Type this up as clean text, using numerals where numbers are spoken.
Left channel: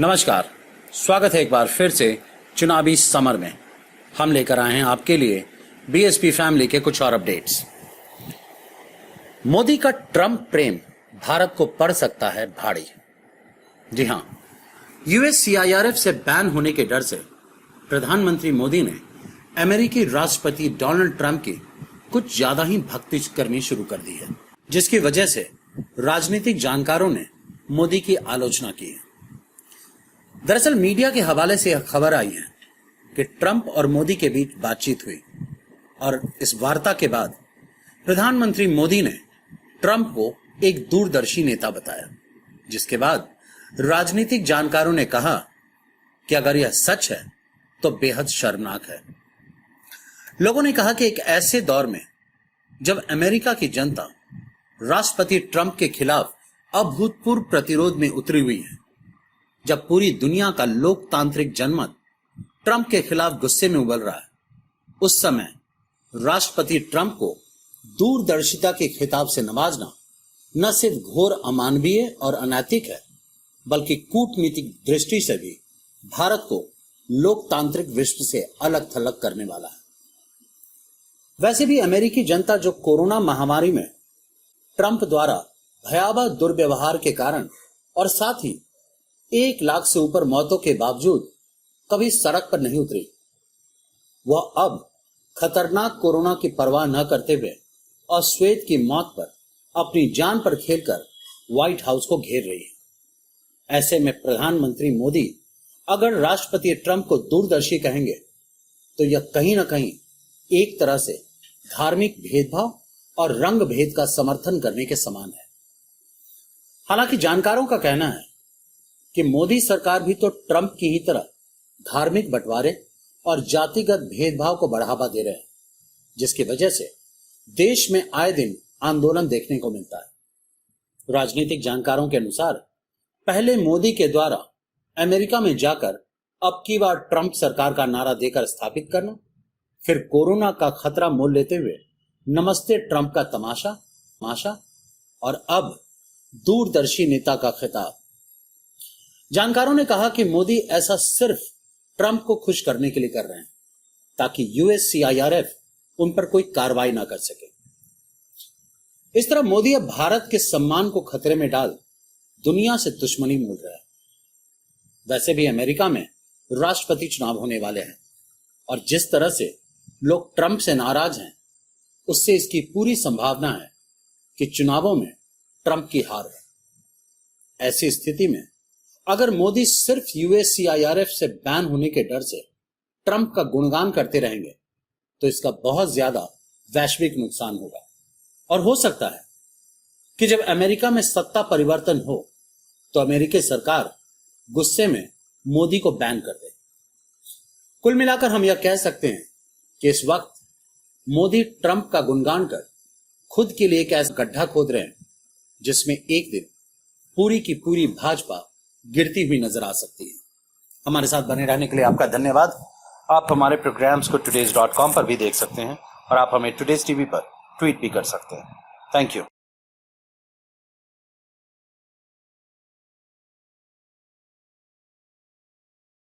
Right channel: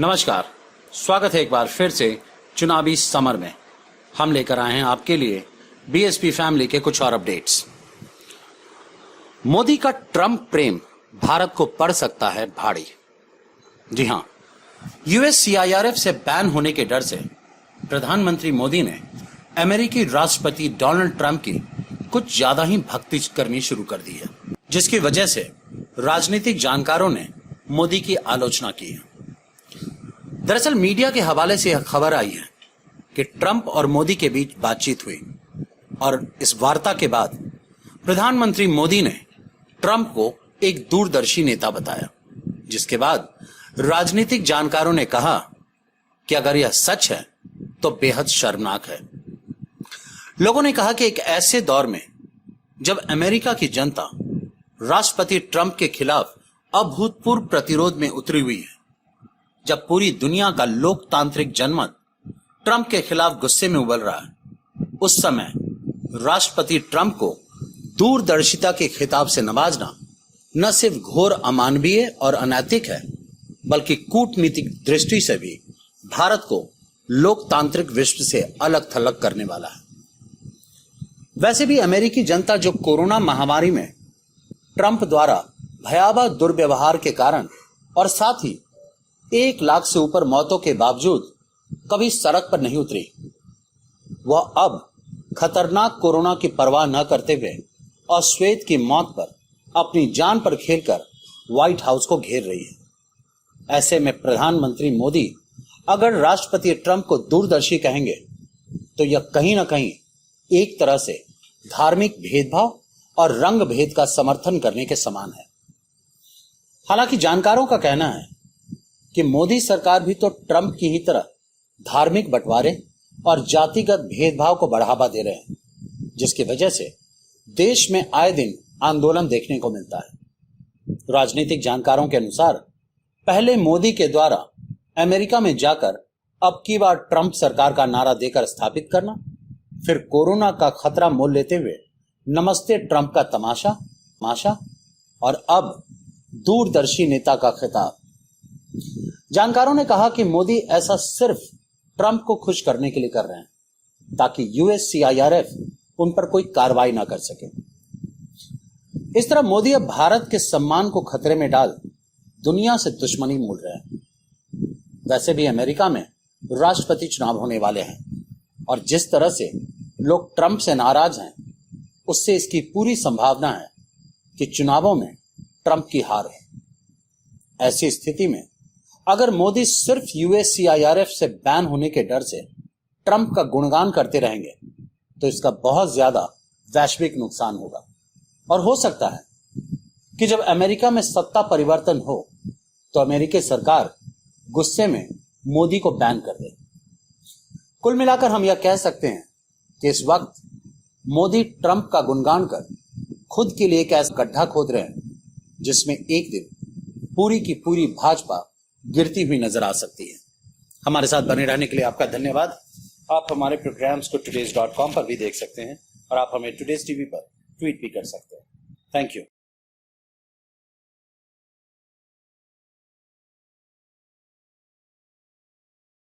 नमस्कार, स्वागत है एक बार फिर से चुनावी समर में। हम लेकर आए हैं आपके लिए बीएसपी फैमिली के कुछ और अपडेट्स। मोदी का ट्रंप प्रेम भारत को पड़ सकता है भारी। जी हां, यूएस सीआईआरएफ से बैन होने के डर से प्रधानमंत्री मोदी ने अमेरिकी राष्ट्रपति डोनाल्ड ट्रंप की कुछ ज्यादा ही भक्ति करनी शुरू कर दी है, जिसकी वजह से राजनीतिक जानकारों ने मोदी की आलोचना की है। दरअसल मीडिया के हवाले से यह खबर आई है कि ट्रंप और मोदी के बीच बातचीत हुई और इस वार्ता के बाद प्रधानमंत्री मोदी ने ट्रंप को एक दूरदर्शी नेता बताया, जिसके बाद राजनीतिक जानकारों ने कहा कि अगर यह सच है तो बेहद शर्मनाक है। लोगों ने कहा कि एक ऐसे दौर में जब अमेरिका की जनता राष्ट्रपति ट्रंप के खिलाफ अभूतपूर्व प्रतिरोध में उतरी हुई है, जब पूरी दुनिया का लोकतांत्रिक जनमत ट्रंप के खिलाफ गुस्से में उबल रहा है, उस समय राष्ट्रपति ट्रंप को दूरदर्शिता के खिताब से नवाजना न सिर्फ घोर अमानवीय और अनैतिक है, बल्कि कूटनीतिक दृष्टि से भी भारत को लोकतांत्रिक विश्व से अलग थलग करने वाला है। वैसे भी अमेरिकी जनता जो कोरोना महामारी में ट्रंप द्वारा भयावह दुर्व्यवहार के कारण और साथ ही 1 लाख से ऊपर मौतों के बावजूद कभी सड़क पर नहीं उतरी, वह अब खतरनाक कोरोना की परवाह न करते हुए और श्वेत की मौत पर अपनी जान पर खेलकर व्हाइट हाउस को घेर रही है। ऐसे में प्रधानमंत्री मोदी अगर राष्ट्रपति ट्रंप को दूरदर्शी कहेंगे तो यह कहीं ना कहीं एक तरह से धार्मिक भेदभाव और रंग भेद का समर्थन करने के समान है। हालांकि जानकारों का कहना है कि मोदी सरकार भी तो ट्रंप की ही तरह धार्मिक बंटवारे और जातिगत भेदभाव को बढ़ावा दे रहे हैं, जिसकी वजह से देश में आए दिन आंदोलन देखने को मिलता है। राजनीतिक जानकारों के अनुसार पहले मोदी के द्वारा अमेरिका में जाकर अब की बार ट्रंप सरकार का नारा देकर स्थापित करना, फिर कोरोना का खतरा मोल लेते हुए नमस्ते ट्रंप का तमाशा और अब दूरदर्शी नेता का खिताब। जानकारों ने कहा कि मोदी ऐसा सिर्फ ट्रंप को खुश करने के लिए कर रहे हैं ताकि यूएस सीआईआरएफ उन पर कोई कार्रवाई ना कर सके। इस तरह मोदी अब भारत के सम्मान को खतरे में डाल दुनिया से दुश्मनी मोल रहे हैं। वैसे भी अमेरिका में राष्ट्रपति चुनाव होने वाले हैं और जिस तरह से लोग ट्रंप से नाराज हैं, उससे इसकी पूरी संभावना है कि चुनावों में ट्रंप की हार है। ऐसी स्थिति में अगर मोदी सिर्फ यूएस सीआईआरएफ से बैन होने के डर से ट्रंप का गुणगान करते रहेंगे तो इसका बहुत ज्यादा वैश्विक नुकसान होगा और हो सकता है कि जब अमेरिका में सत्ता परिवर्तन हो तो अमेरिकी सरकार गुस्से में मोदी को बैन कर दे। कुल मिलाकर हम यह कह सकते हैं कि इस वक्त मोदी ट्रंप का गुणगान कर खुद के लिए एक ऐसा गड्ढा खोद रहे हैं जिसमें एक दिन पूरी की पूरी भाजपा गिरती हुई नजर आ सकती है। हमारे साथ बने रहने के लिए आपका धन्यवाद। आप हमारे प्रोग्राम्स को today's.com पर भी देख सकते हैं और आप हमें टुडेज टीवी पर ट्वीट भी कर सकते हैं। Thank you.